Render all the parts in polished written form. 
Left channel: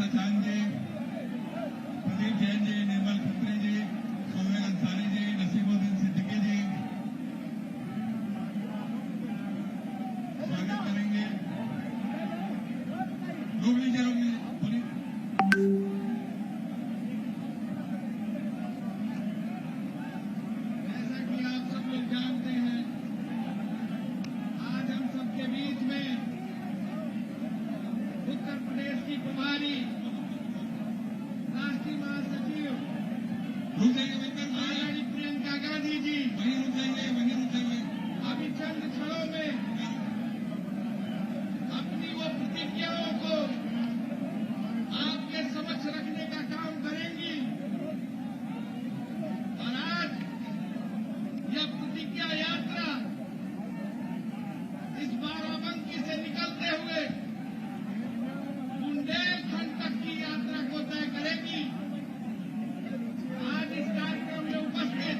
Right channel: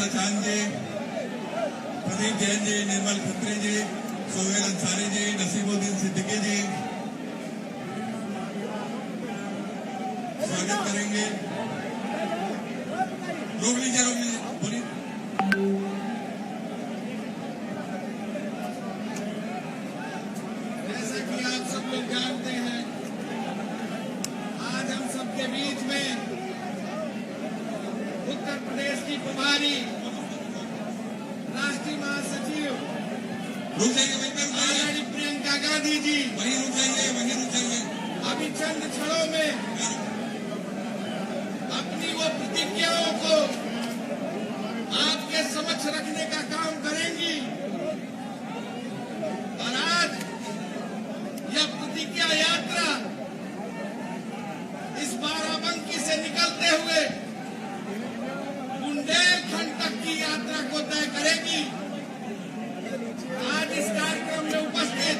सचान जी, प्रदीप जैन जी, निर्मल खत्री जी, सोहेल अंसारी जी, नसीमुद्दीन सिद्दीकी जी स्वागत करेंगे। रोक लीजिए बोलिए। जैसे कि आप सब लोग जानते हैं, आज हम सबके बीच में उत्तर प्रदेश की प्रभारी राष्ट्रीय महासचिव रुक जाइए, आदरणीय प्रियंका गांधी जी वहीं रुक जाइए। अभी चंद क्षणों में अपनी वो प्रतिज्ञाओं को आपके समक्ष रखने का काम करेंगी और आज यह प्रतिज्ञा यात्रा इस बाराबंकी से निकलते हुए बुंदेलखंड तक की यात्रा को तय करेगी। आज इस कार्यक्रम में उपस्थित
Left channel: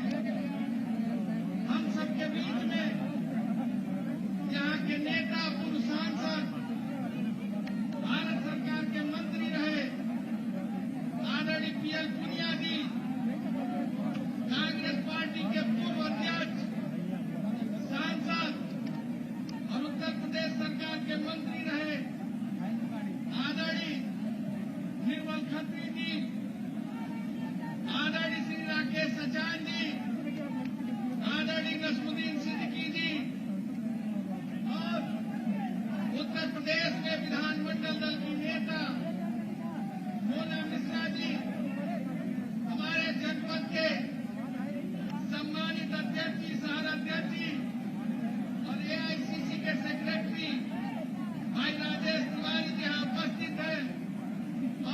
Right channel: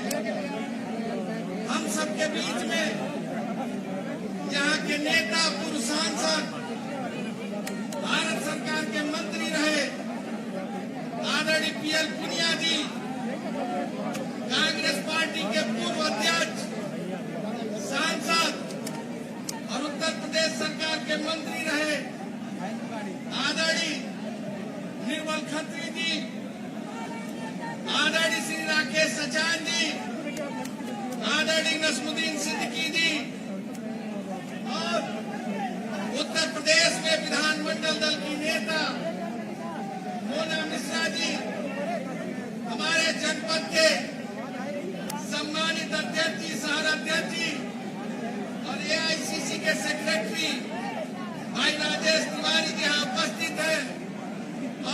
हम सबके बीच में यहाँ के नेता, पूर्व सांसद, भारत सरकार के मंत्री रहे आदरणीय पीएल पुनिया जी, कांग्रेस पार्टी के पूर्व अध्यक्ष, सांसद और उत्तर प्रदेश सरकार के मंत्री रहे आदरणीय निर्मल खत्री जी, आदरणीय श्री राकेश सचान जी, आदरणीय नसीमुद्दीन सिद्दीकी जी और उत्तर प्रदेश में विधानमंडल दल की नेता मोना मिश्रा जी, हमारे जनपद के सम्मानित अध्यक्ष जी, शहर अध्यक्ष जी और एआईसीसी के सेक्रेटरी भाई राजेश तिवारी जी यहाँ उपस्थित हैं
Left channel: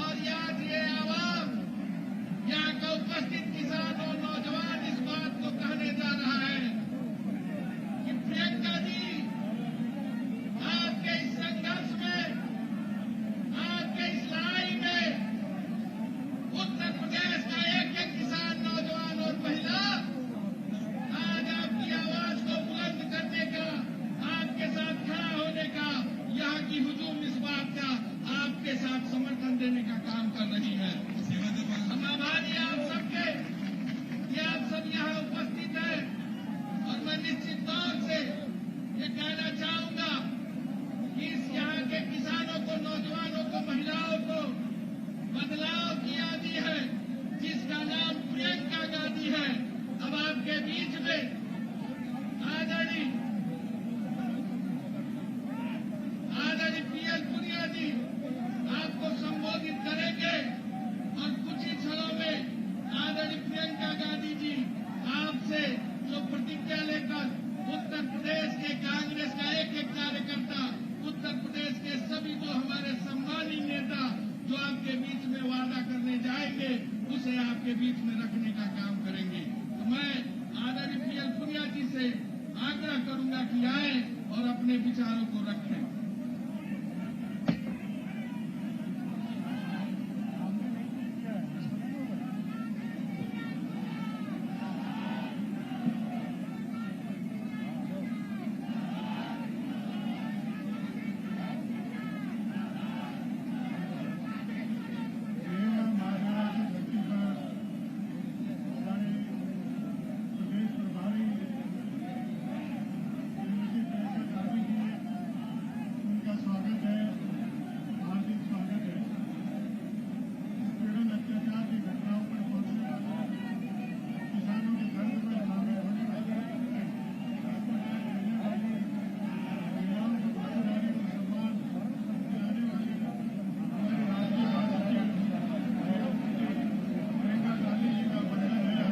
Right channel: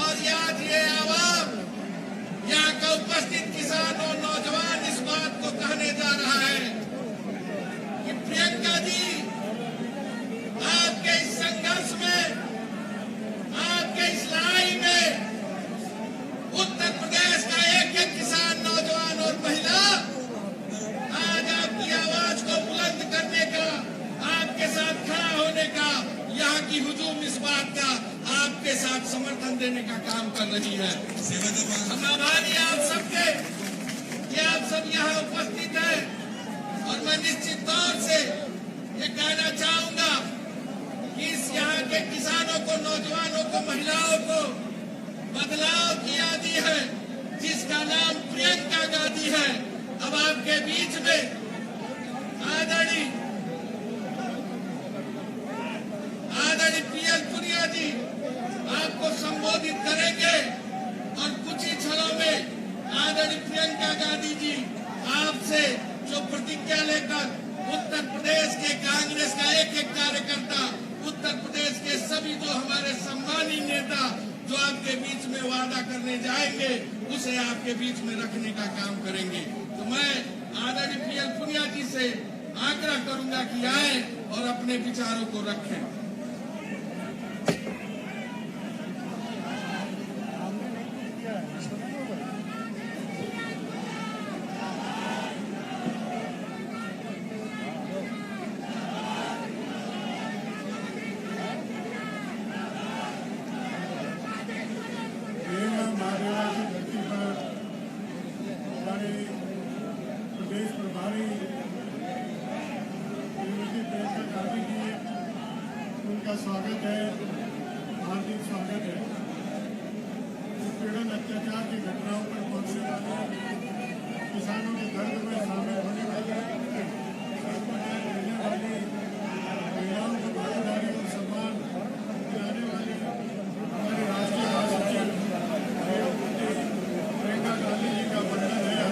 और आज ये आवाम यहाँ का उपस्थित किसान और नौजवान इस बात को कहने जा रहा है कि प्रियंका जी, आपके इस संघर्ष में, आपके इस लड़ाई में उत्तर प्रदेश का एक एक किसान, नौजवान और महिला आज आपकी आवाज को बुलंद करने का, आपके साथ खड़ा होने का, यहाँ की हुजूम इस बात का आपके साथ समर्थन देने का काम कर रही है। हम आभारी आप सबके कि आप सब यहाँ उपस्थित हैं और मैं निश्चित तौर से ये कहना चाहूंगा कि इस यहाँ के किसानों को, नौजवानों को, महिलाओं को बदलाव की आदि है जिसका नाम प्रियंका गांधी है। अब आपके बीच में आदरणीय पीएल पुनिया जी आपको संबोधित करेंगे और कुछ ही क्षणों में आदरणीय प्रियंका गांधी जी आपसे जो प्रतिज्ञा लेकर उत्तर प्रदेश के कांग्रेस का एक एक कार्यकर्ता, उत्तर प्रदेश के सभी जो हमारे सम्मानित नेता जो आपके बीच में वादा करने जाएंगे उसे आपके बीच में रखने का काम करेंगे। तो मैं आदरणीय पीएल पुनिया जी से आग्रह करूंगा कि आए और अपने विचारों को रखें। स्वागत है, हार्दिक स्वागत है। उत्पीड़न, अत्याचार की घटनाओं पर पहुंचने वाले किसानों के दर्द में शामिल होने वाले, देने वाली महिलाओं को भागीदारी और सम्मान दिलाने वाले हमारे राष्ट्रीय महासचिव प्रियंका गांधी जी का वंदन है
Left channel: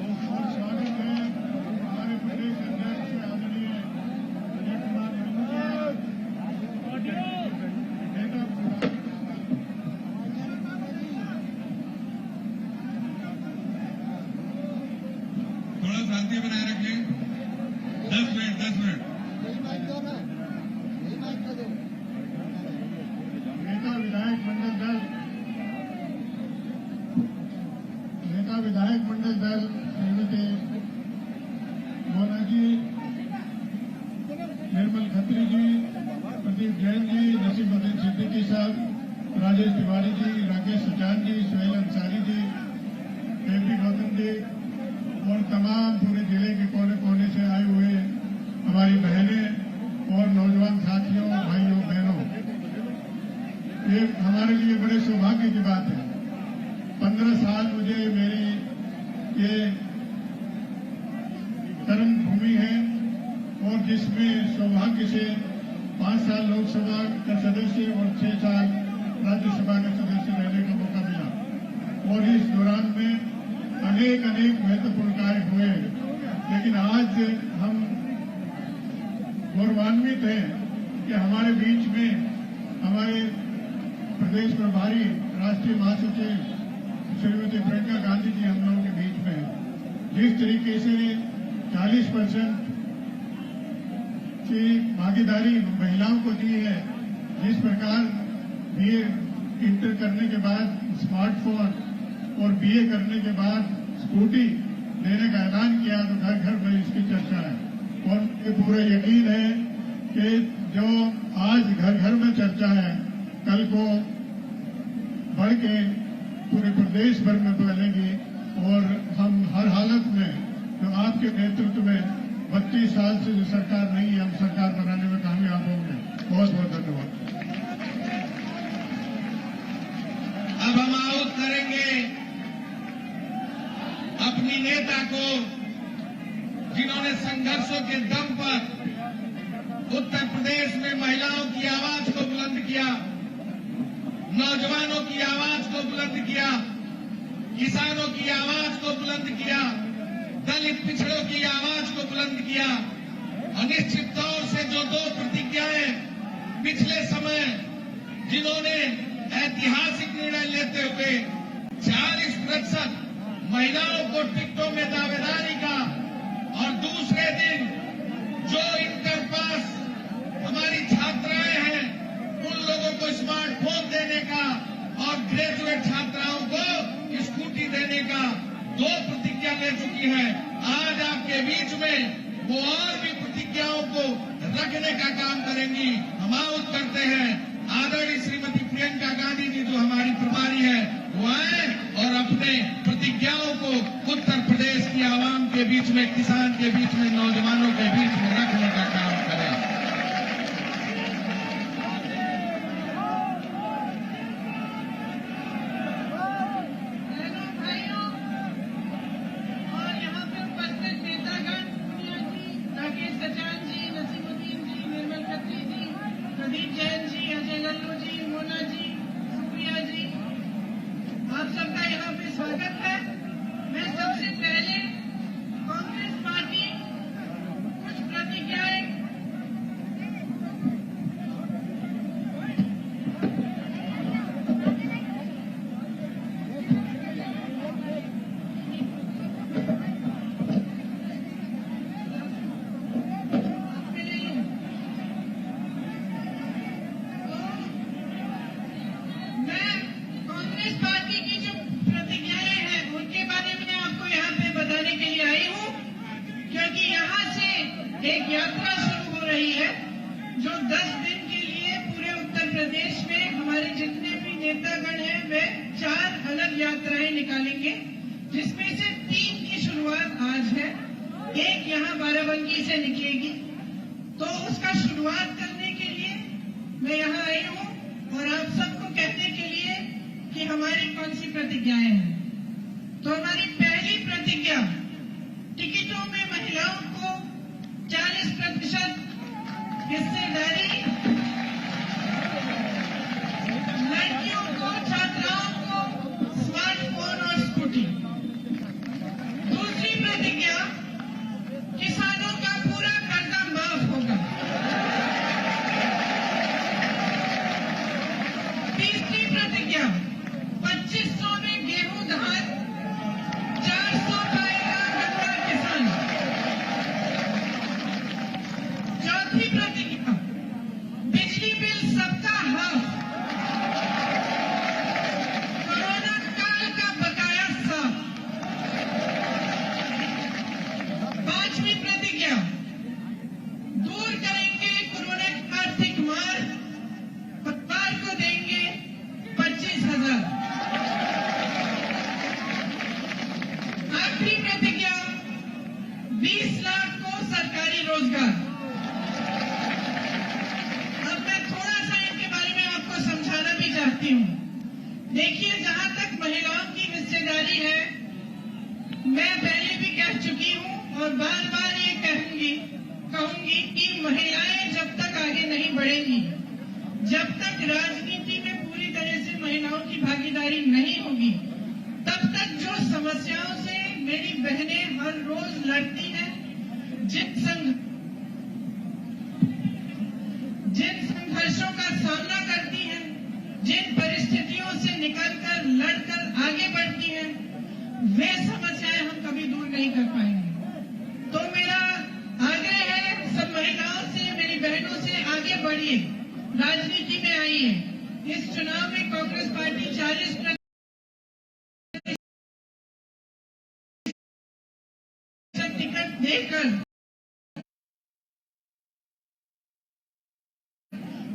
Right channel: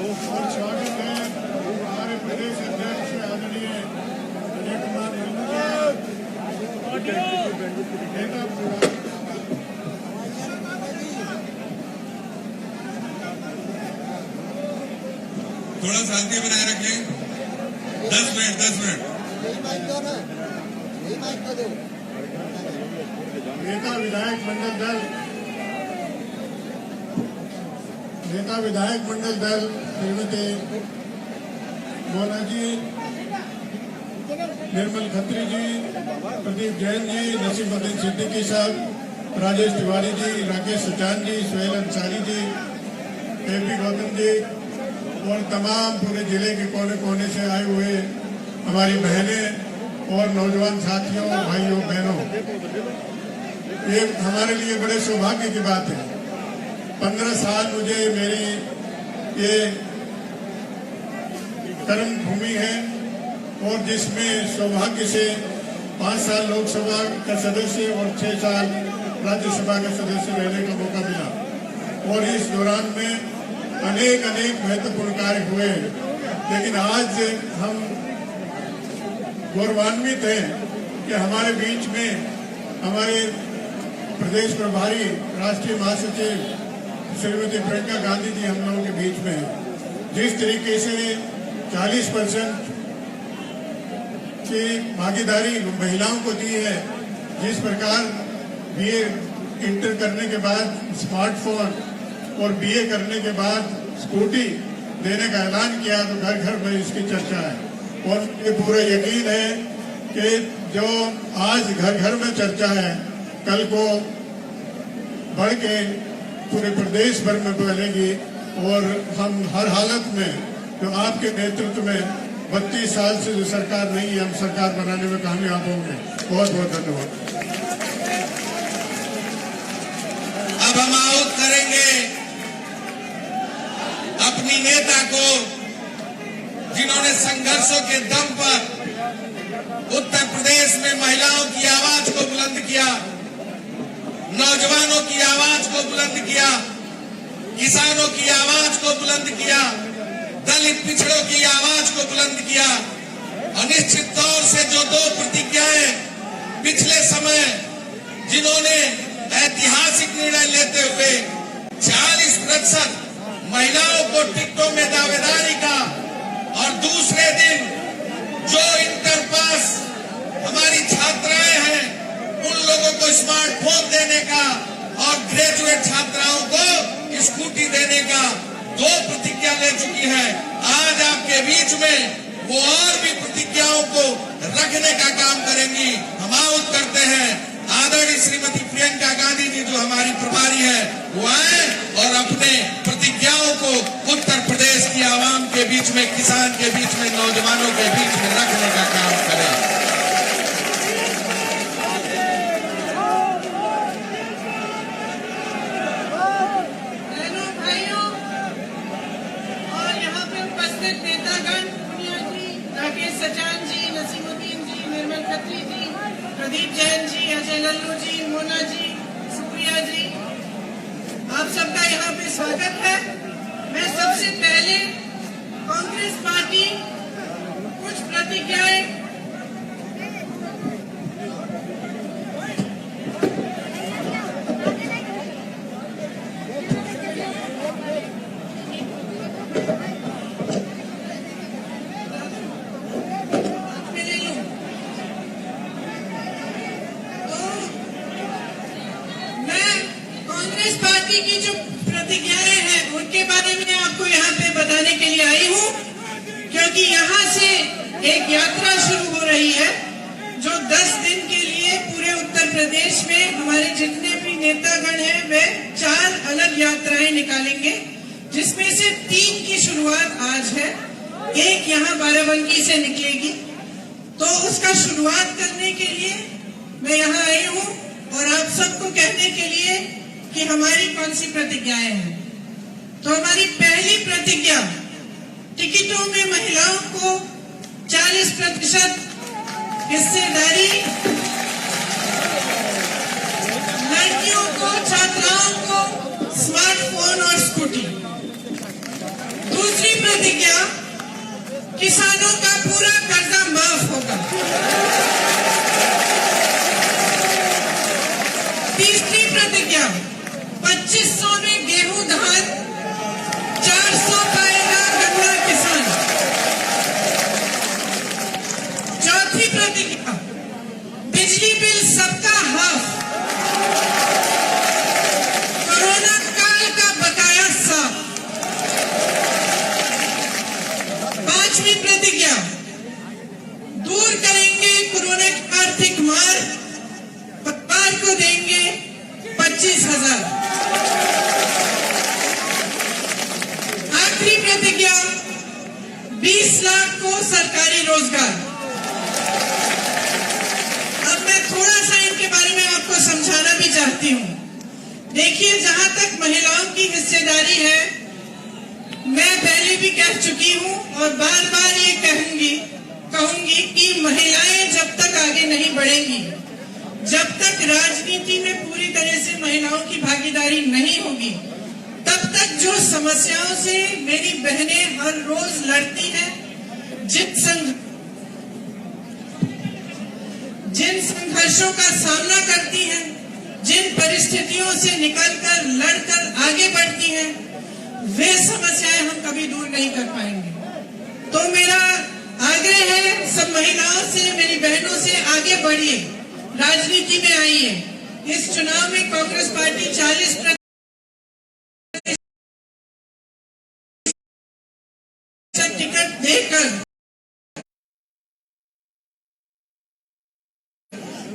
और स्वागत है हमारे प्रदेश अध्यक्ष आदरणीय अजय कुमार थोड़ा शांति बनाए रखें। 10 मिनट नेता विधायक मंडल दल श्रीमती मोना जी, निर्मल खत्री जी, प्रदीप जैन जी, नसीमुद्दीन सिद्दीकी साहब राजेश तिवारी जी, राकेश सचान जी, सोहेल अंसारी जी, एपी गौतम जी और तमाम पूरे जिले के कोने कोने से आए हुए हमारी बहनें और नौजवान साथियों, भाइयों बहनों, ये हमारे लिए बड़े सौभाग्य की बात है। 15 साल मुझे मेरी ये कर्म भूमि है और जिसमें सौभाग्य से 5 साल लोकसभा का सदस्य और 6 साल राज्यसभा का सदस्य रहने का मौका मिला और इस दौरान में अनेक महत्वपूर्ण कार्य हुए। लेकिन आज हम गौरवान्वित हैं कि हमारे बीच में हमारे प्रदेश प्रभारी राष्ट्रीय महासचिव श्रीमती प्रियंका गांधी जी हम लोगों के बीच में है। जिस तरीके से 40% की भागीदारी महिलाओं को दी है, जिस प्रकार बीए इंटर करने के बाद स्मार्टफोन और बीए करने के बाद स्कूटी देने का ऐलान किया, तो घर घर में इसकी चर्चा है और ये पूरा यकीन है कि जो आज घर घर में चर्चा है, कल को बढ़ के पूरे प्रदेश भर में फैलेगी और हम हर हालत में जो आपके नेतृत्व में 32 साल से जो सरकार नहीं है, हम सरकार बनाने में कामयाब होंगे। बहुत बहुत धन्यवाद। अब हम आउट करेंगे अपनी नेता को, जिन्होंने संघर्षों के दम पर उत्तर प्रदेश में महिलाओं की आवाज को बुलंद किया, नौजवानों की आवाज को बुलंद किया, किसानों की आवाज को बुलंद किया, दलित पिछड़ों की आवाज को बुलंद किया। अनिश्चित तौर से जो 2 प्रतिज्ञाएं पिछले समय जिन्होंने ऐतिहासिक निर्णय लेते हुए 40% महिलाओं को टिकटों में दावेदारी का और दूसरे दिन जो इंटर पास हमारी छात्राएं हैं उन लोगों को स्मार्टफोन देने का और ग्रेजुएट छात्राओं को स्कूटी देने का 2 प्रतिज्ञा ले चुकी है। आज आपके बीच में वो और भी प्रतिज्ञाओं को रखने का काम करेंगी। हम आउट करते हैं आदरणीय श्रीमती प्रियंका गांधी जी, जो हमारी प्रभारी है, वो आए और अपने प्रतिज्ञाओं को उत्तर प्रदेश की आवाम के बीच में, किसान के बीच में, नौजवानों के बीच में रखने का काम करें। सबका यहाँ पे स्वागत है। मैं सबसे पहले कांग्रेस पार्टी कुछ प्रतिज्ञाएं पार्टी की जो प्रतिज्ञाएं हैं उनके बारे में आपको यहाँ पे बताने के लिए आई हूँ, क्योंकि यहाँ से एक यात्रा शुरू हो रही है जो 10 दिन के लिए पूरे उत्तर प्रदेश में हमारे जितने भी नेतागण हैं वे 4 अलग यात्राएं निकालेंगे, जिसमें से 3 की शुरुआत आज है, एक यहाँ बाराबंकी से निकलेगी। तो उसका शुरुआत करने के लिए मैं यहाँ आई हूँ और आप सबको कहने के लिए कि हमारी कौन सी प्रतिज्ञाएं हैं। तो हमारी पहली प्रतिज्ञा, टिकटों में महिलाओं को 40% हिस्सेदारी, लड़कियों को, छात्राओं को स्मार्टफोन और स्कूटी। दूसरी प्रतिज्ञा, किसानों का पूरा कर्जा माफ होगा। तीसरी प्रतिज्ञा, 2500 में गेहूं धान, 400 पाएगा गन्ना किसान। चौथी प्रतिज्ञा, बिजली बिल सबका हाफ, कोरोना काल का बकाया साफ। पांचवी प्रतिज्ञा, दूर करेंगे कोरोना की आर्थिक मार, परिवार को देंगे 20 लाख को सरकारी रोजगार। अब मैं थोड़ा सा इनके बारे में आपको समझाना भी चाहती हूँ। देखिए, जहां तक महिलाओं की हिस्सेदारी है, मैं पहले भी कह चुकी हूँ और बार बार ये कहूंगी कि महिलाएं जब तक आगे नहीं बढ़ेंगी, जब तक राजनीति में पूरी तरह से महिलाओं की भागीदारी नहीं होगी, तब तक जो समस्याओं से मेरी बहनें हर रोज लड़ती हैं, जिन संघर्षों का सामना करती हैं, जिन परिस्थितियों से निकलकर लड़कर आगे बढ़ती हैं, वे समस्याएं हम कभी दूर नहीं कर पाएंगे। तो मेरा आग्रह है सब महिलाओं से, मेरी बहनों से, आगे बढ़िए, राजनीति में आइए। इस चुनाव में कांग्रेस पार्टी 40% टिकट देकर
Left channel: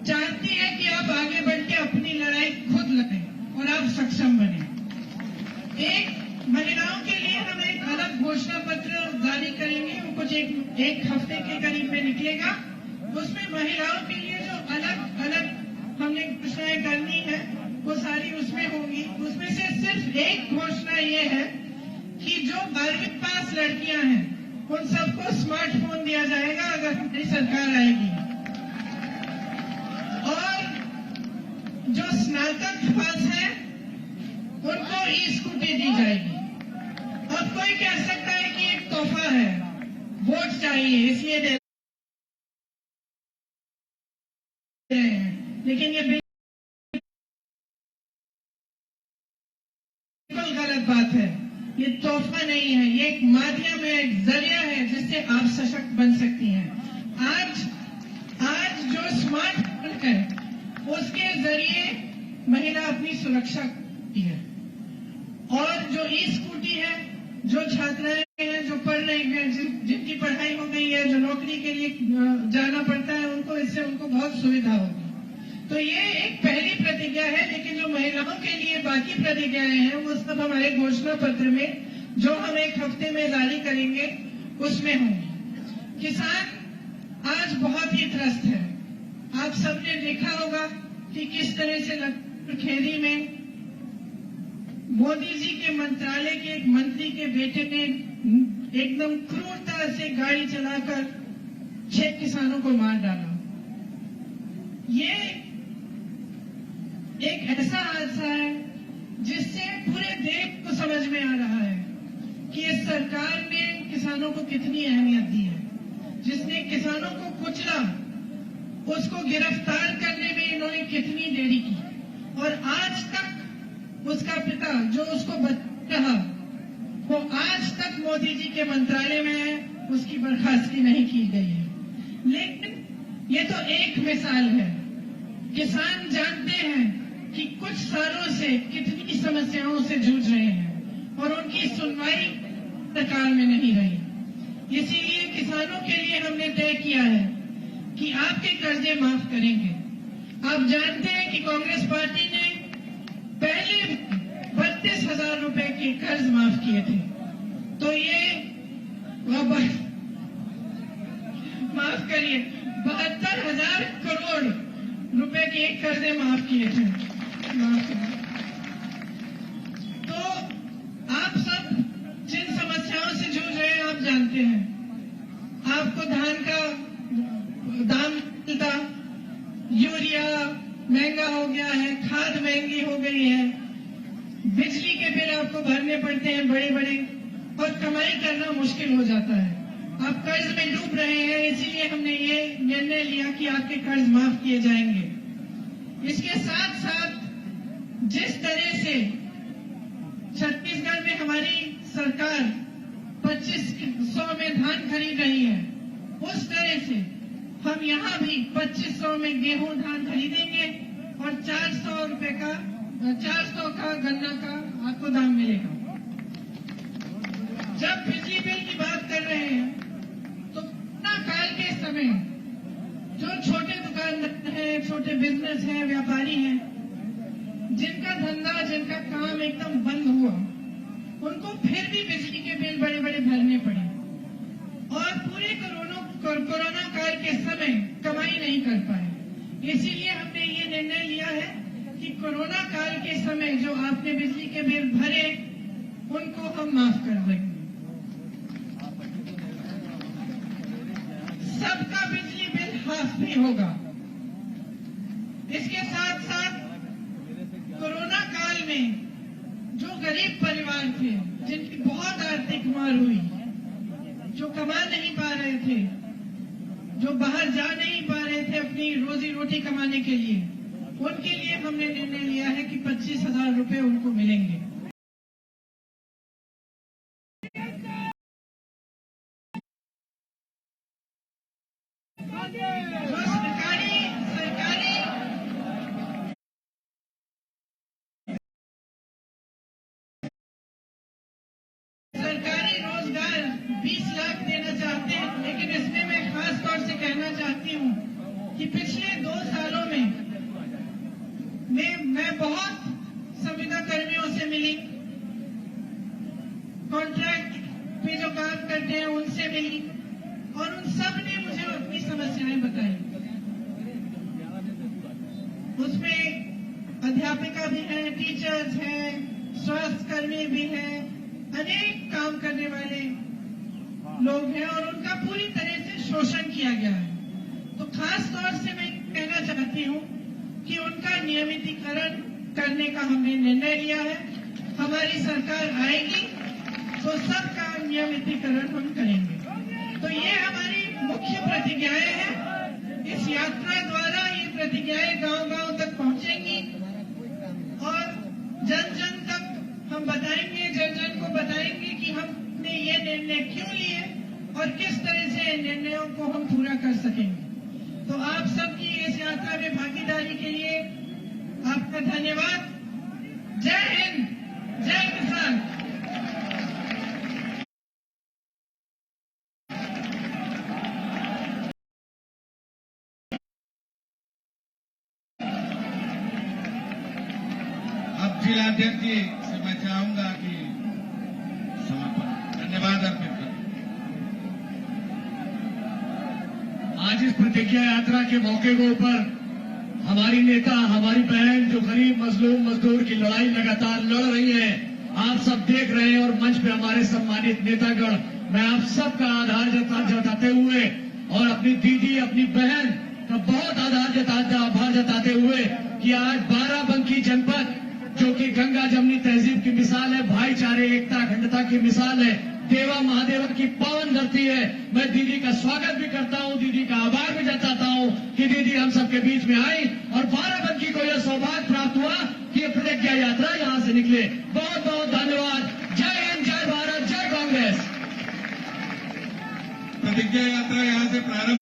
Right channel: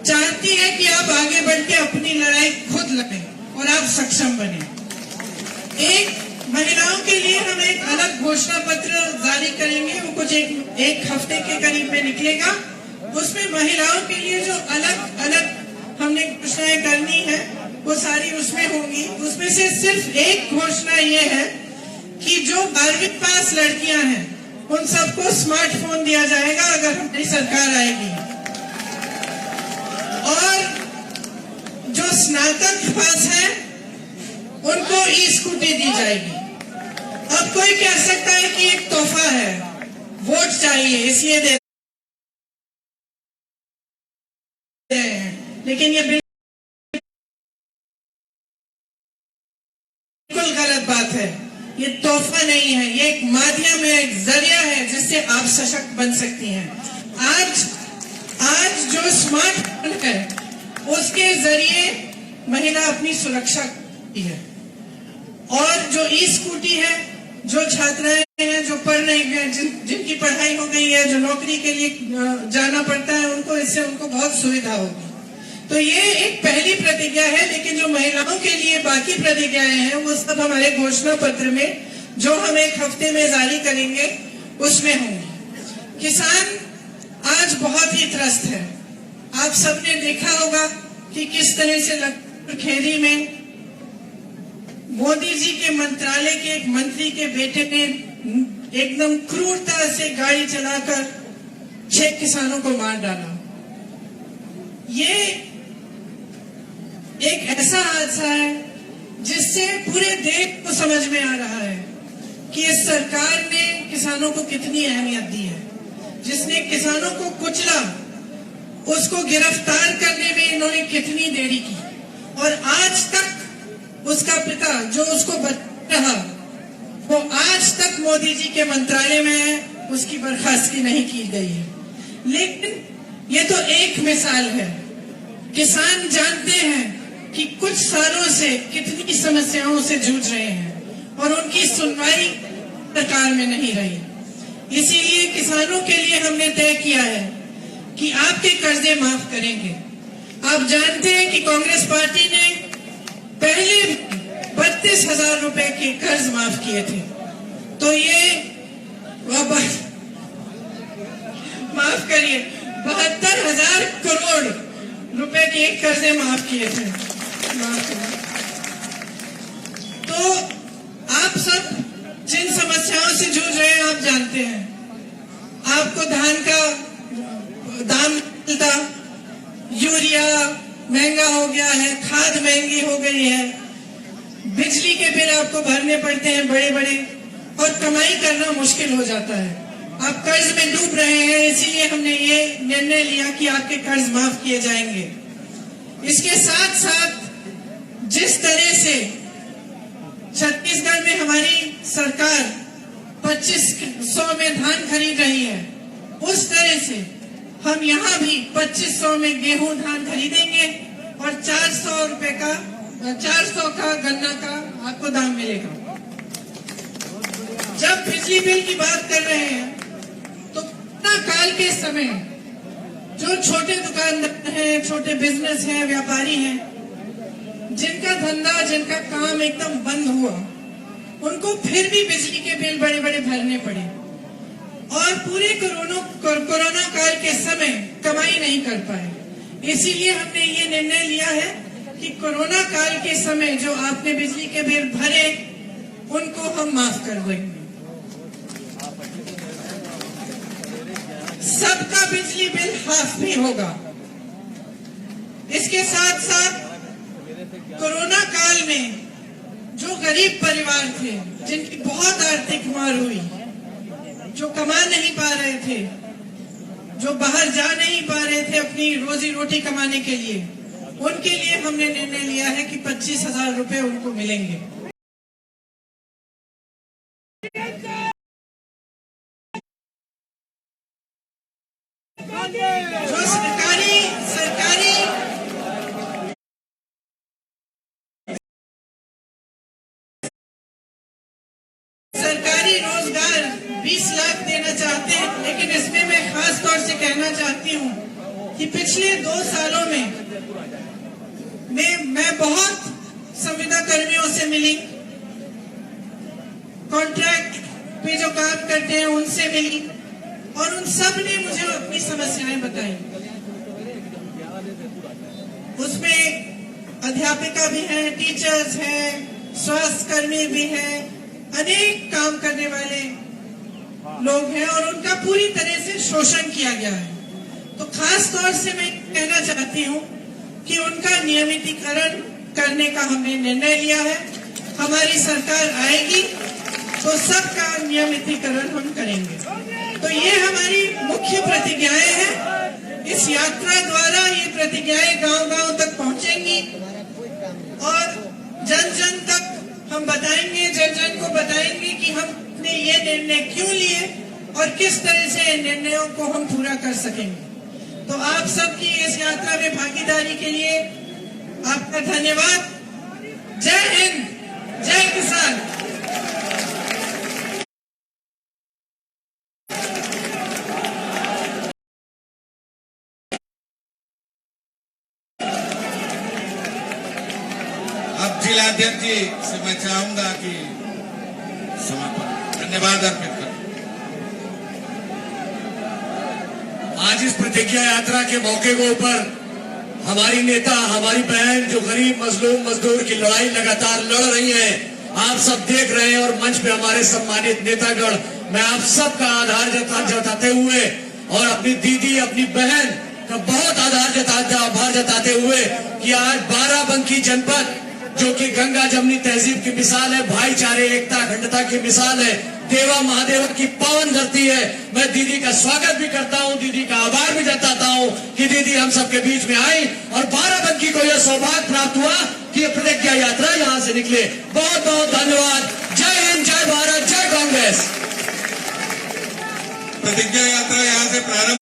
चाहती है कि आप आगे बढ़ के अपनी लड़ाई खुद लड़ें और आप सक्षम बने। एक महिलाओं के लिए हम एक अलग घोषणा पत्र जारी करेंगे, वो कुछ एक हफ्ते के करीब में निकलेगा। उसमें महिलाओं के लिए जो अलग अलग हमने घोषणाएं करनी है, वो सारी उसमें होंगी। उसमें से सिर्फ एक घोषणा ये है कि जो 12वीं पास लड़कियां हैं, उन सबको स्मार्टफोन दिया जाएगा अगर हमारी सरकार आएगी। और जो स्नातक पास है, उनको ई-स्कूटी दी जाएगी। अब कोई कह सकता है कि एक तोहफा है, वोट चाहिए इसलिए दे रहे हैं, लेकिन ये बिल्कुल गलत बात है। ये तोहफा नहीं है, ये एक माध्यम है, एक जरिया है जिससे आप सशक्त बन सकती हैं। आज जो स्मार्टफोन है, उसके जरिए महिला अपनी सुरक्षा करती है। और जो ई-स्कूटी है, जो छात्राएं हैं, जो पढ़ रही हैं, जिनकी पढ़ाई हो गई है, जो नौकरी के लिए जाना पड़ता है, उनको इससे बहुत सुविधा होगी। तो ये एक पहली प्रतिज्ञा है, लेकिन जो महिलाओं के लिए बाकी प्रतिज्ञाएं हैं, वो सब हमारे घोषणा पत्र में, जो हम एक हफ्ते में जारी करेंगे, उसमें होंगे। किसान आज बहुत ही त्रस्त है। आप सबने देखा होगा कि किस तरह से खेड़ी में मोदी जी के मंत्रालय के एक मंत्री के बेटे ने एकदम क्रूरता से गाड़ी चलाकर 6 किसानों को मार डाला। ये एक ऐसा हादसा है जिससे पूरे देश को समझ में आ रहा है कि इस सरकार ने किसानों को कितनी अहमियत दी है। जिसने किसानों को कुचला, उसको गिरफ्तार करने में इन्होंने कितनी देरी की, और आज तक उसका पिता जो उसको बचा रहा, वो आज तक मोदी जी के मंत्रालय में है, उसकी बर्खास्तगी नहीं की गई है। लेकिन ये तो एक मिसाल है। किसान जानते हैं कि कुछ सालों से कितनी समस्याओं से जूझ रहे हैं और उनकी सुनवाई सरकार में नहीं रही। इसीलिए किसानों के लिए हमने तय किया है कि आपके कर्जे माफ करेंगे। आप जानते हैं कि कांग्रेस पार्टी ने पहले 32,000 रुपए के कर्ज माफ किए थे, तो ये माफ करिए 72,000 करोड़ रुपए के कर्जे माफ किए थे। तो आप सब जिन समस्याओं से जूझ रहे हैं, आप जानते हैं। आपको धान का दाम मिलता, यूरिया महंगा हो गया है, खाद महंगी हो गई है, बिजली के बिल आपको भरने पड़ते हैं बड़े बड़े, और कमाई करना मुश्किल हो जाता है। आप कर्ज में डूब रहे हैं, इसीलिए हमने ये निर्णय लिया कि आपके कर्ज माफ किए जाएंगे। इसके साथ साथ जिस तरह से छत्तीसगढ़ में हमारी सरकार 2500 में धान खरीद रही है, उस तरह से हम यहाँ भी 2500 में गेहूं धान खरीदेंगे और 400 का गन्ना का आपको दाम मिलेगा। जब बिजली बिल की बात कर रहे हैं, तो कोरोना काल के समय जो छोटे दुकानदार हैं, छोटे बिजनेस हैं, व्यापारी हैं, जिनका धंधा, जिनका काम एकदम बंद हुआ, उनको फिर भी बिजली के बिल बड़े बड़े भरने पड़े। और पूरे कोरोना काल के समय कमाई नहीं कर पाए। इसीलिए हमने ये निर्णय लिया है कि कोरोना काल के समय जो आपने बिजली के बिल भरे उनको हम माफ कर देंगे। सबका बिजली बिल हाफ भी होगा। इसके साथ साथ कोरोना काल में जो गरीब परिवार थे, जिनकी बहुत आर्थिक मार हुई, जो कमा नहीं पा रहे थे, जो बाहर जा नहीं पा रहे थे अपनी रोजी रोटी कमाने के लिए, उनके लिए हमने निर्णय लिया है कि 25,000 रुपए उनको मिलेंगे। जो सरकारी रोजगार 20 लाख देना चाहते हैं, लेकिन इसमें मैं खास तौर से कहना चाहती हूँ कि पिछले 2 सालों में मैं बहुत संविदा कर्मियों से मिली, कॉन्ट्रैक्ट पे जो काम करते हैं उनसे मिली, और उन सब ने मुझे अपनी समस्याएं बताई। उसमें अध्यापिका भी है, टीचर्स हैं, स्वास्थ्य कर्मी भी हैं, अनेक काम करने वाले लोग हैं, और उनका पूरी तरह से शोषण किया गया है। तो खास तौर से मैं कहना चाहती हूँ कि उनका नियमितीकरण करने का हमने निर्णय लिया है। हमारी सरकार आएगी तो सबका नियमितीकरण हम करेंगे। तो ये हमारी मुख्य प्रतिज्ञाएं हैं। इस यात्रा द्वारा ये प्रतिज्ञाएं गांव-गांव तक पहुंचेंगी और जन जन तक हम बताएंगे, जन जन को बताएंगे कि हमने ये निर्णय क्यों लिए और किस तरह से निर्णयों को हम पूरा कर सकेंगे। तो आप सबकी इस यात्रा में भागीदारी के लिए आपका धन्यवाद। जय हिंद, जय किसान। अब जिलाध्यक्ष जी से मैं चाहूंगा कि समापन धन्यवाद अर्पित करें। आज इस प्रतिज्ञा यात्रा के मौके के ऊपर हमारी नेता, हमारी बहन जो गरीब मजलूम मजदूर की लड़ाई लगातार लड़ रही है, आप सब देख रहे हैं, और मंच पे हमारे सम्मानित नेतागण, मैं आप सबका आभार जताते हुए और अपनी दीदी, अपनी बहन का बहुत आभार जताते हुए कि आज बाराबंकी जनपद जो कि गंगा जमुनी तहजीब की मिसाल है, भाईचारे, एकता, अखंडता की मिसाल है, देवा महादेव की पावन धरती है। मैं दीदी का स्वागत भी करता हूं, दीदी का आभार भी जताता हूं कि दीदी हम सबके बीच में आई और बाराबंकी को यह सौभाग्य प्राप्त हुआ कि यह प्रतिज्ञा यात्रा यहां से निकले। बहुत बहुत धन्यवाद। जय हिंद, जय भारत, जय कांग्रेस। प्रतिज्ञा यात्रा यहां से प्रारंभ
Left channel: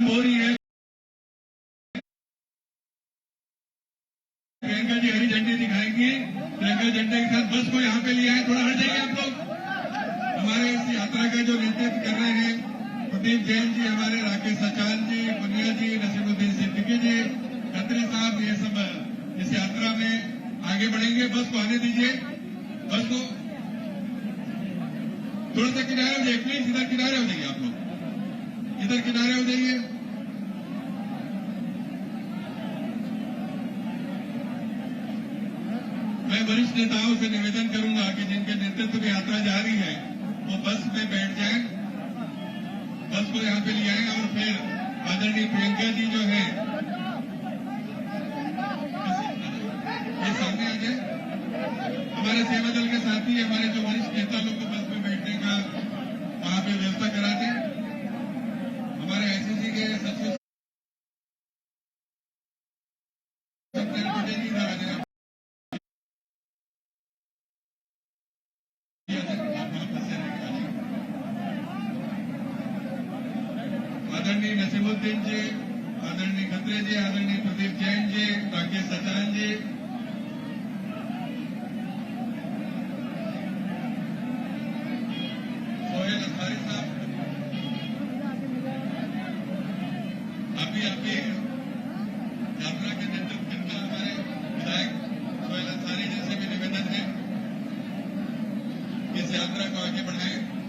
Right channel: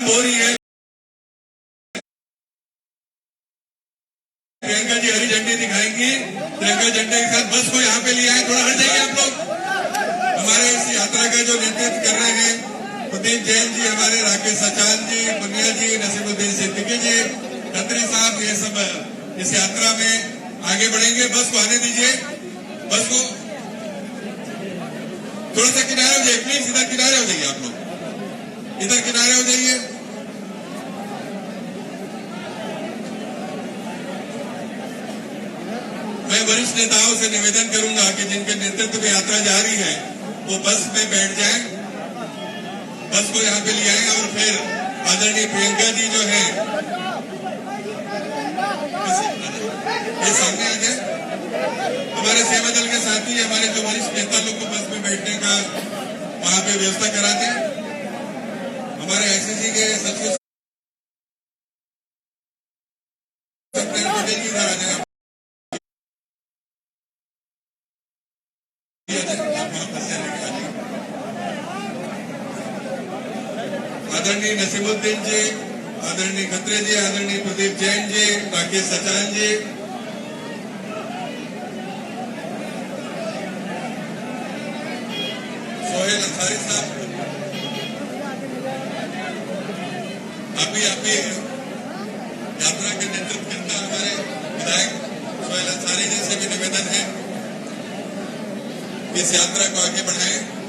हो रही है। प्रियंका जी हरी झंडी दिखाएंगी। प्रियंका झंडे के साथ बस को यहाँ पे ले आए। थोड़ा हट जाइए आप लोग। हमारे इस यात्रा का जो नेतृत्व कर रहे हैं प्रदीप जैन जी, हमारे राकेश सचान जी, बनिया जी, नसीमुद्दीन सिद्दीकी जी, खत्री साहब, ये सब इस यात्रा में आगे बढ़ेंगे। बस को आने दीजिए। बस को थोड़ा सा किनारे हो जाइए प्लीज। इधर किनारे हो जाइए आप लोग, इधर किनारे हो जाइए। मैं वरिष्ठ नेताओं से निवेदन करूंगा कि जिनके नेतृत्व में यात्रा जा रही है वो बस में बैठ जाएं, बस को यहाँ पे ले आए और फिर आदरणीय प्रियंका जी जो है ये सामने आ जाए। हमारे सेवा दल के साथी, हमारे जो वरिष्ठ नेता लोग को बस में बैठने का वहां पे व्यवस्था करा दें। हमारे आईसीसी के सचिव आदरणीय नसीमुद्दीन जी, आदरणीय खत्री जी, आदरणीय प्रदीप जैन जी, राकेश सचान जी, सोहेल अंसारी साहब, अभी यात्रा के नेतृत्व करना हमारे विधायक सोहेल अंसारी जी से भी निवेदन है इस यात्रा को आगे बढ़ाएं।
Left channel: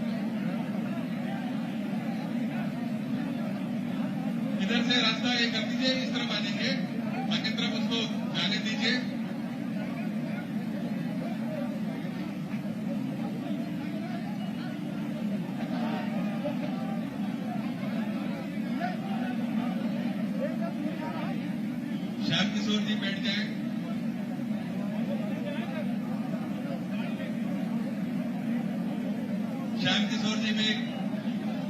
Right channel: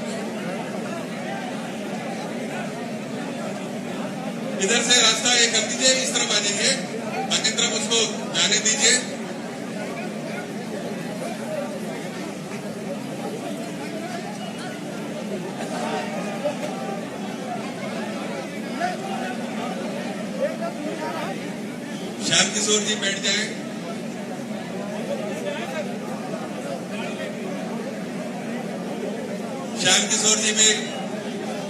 किशोर जी बैठ जाएं। श्याम किशोर जी भी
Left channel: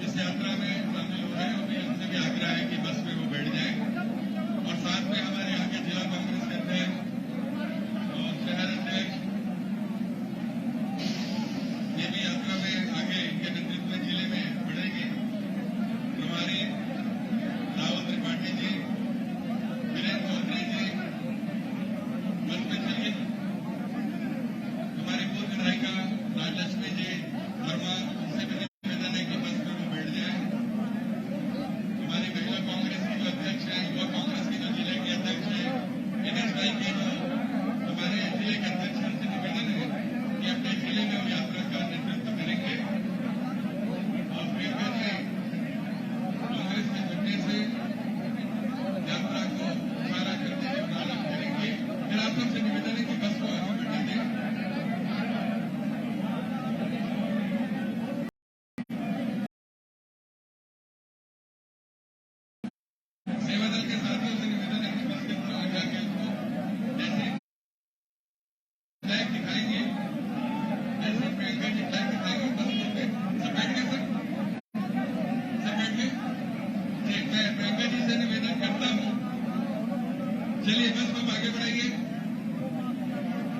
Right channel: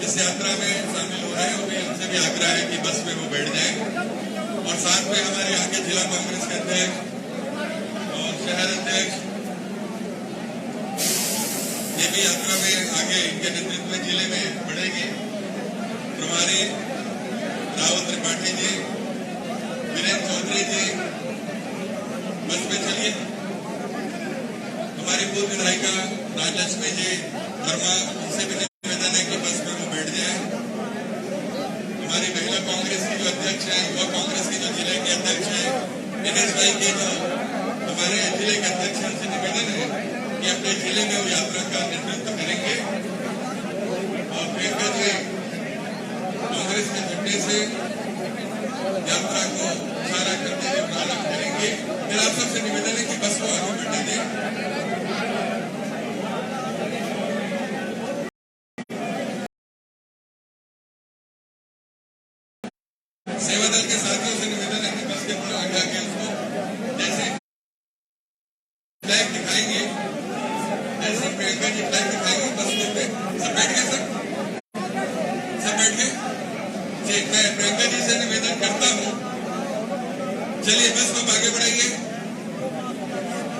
इस यात्रा में शामिल हो रहे हैं। उन्हें हमसे भी आग्रह है कि बस में वो बैठ जाएं और साथ में हमारे यहाँ के जिला कांग्रेस के अध्यक्ष और शहर अध्यक्ष ये भी यात्रा में आगे इनके नेतृत्व में जिले में बढ़ेंगे। प्रभारी रावत त्रिपाठी जी, वीरेंद्र चौधरी जी बस में चलिए। हमारी पूर्व विधायिका राजलक्ष्मी जी वर्मा, उनसे भी निवेदन है कि बस में वो बैठ जाए। हमारी महिला कांग्रेस की जो अध्यक्ष है, युवा कांग्रेस की जो जिले के अध्यक्ष है, दिनेश भाई के जो हमारे जिले के अध्यक्ष हैं, उनसे निवेदन है कि अपने जिले में वो यात्रा का नेतृत्व करेंगे और प्रियंका जी कांग्रेस के झंडे से यात्रा को इशारा करते हुए प्रारंभ करेंगे। फिर आप सबसे निवेदन है कि बस को आगे बढ़ने दें। सेवा दल के साथियों से निवेदन है कि बस के थोड़ा आगे आके उसको जैसे फ्लैग दिखाएंगे, जैसे प्रियंका जी फ्लैग दिखाएंगे बस के सब बैठ गए, सब बैठ गए। ठीक, मैं प्रियंका जी से निवेदन करता हूँ, चलिए बस को आगे बढ़ाइए।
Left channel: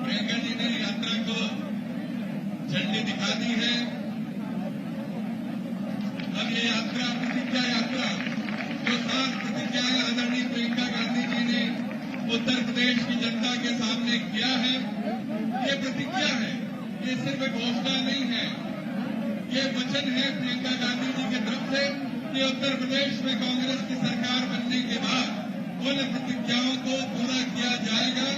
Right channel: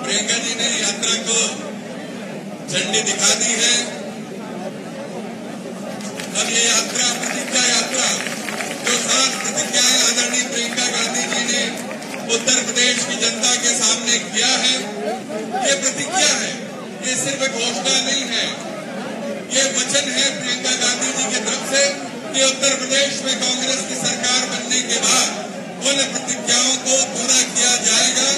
प्रियंका जी ने यात्रा को झंडी दिखा दी है। अब ये यात्रा प्रतिज्ञा यात्रा जो 7 प्रतिज्ञाएं आदरणीय प्रियंका गांधी जी ने उत्तर प्रदेश की जनता के सामने किया है, ये प्रतिज्ञा है। ये सिर्फ घोषणा नहीं है, ये वचन है प्रियंका गांधी जी की तरफ से कि उत्तर प्रदेश में कांग्रेस की सरकार बनने के बाद उन प्रतिज्ञाओं को पूरा किया जाएगा।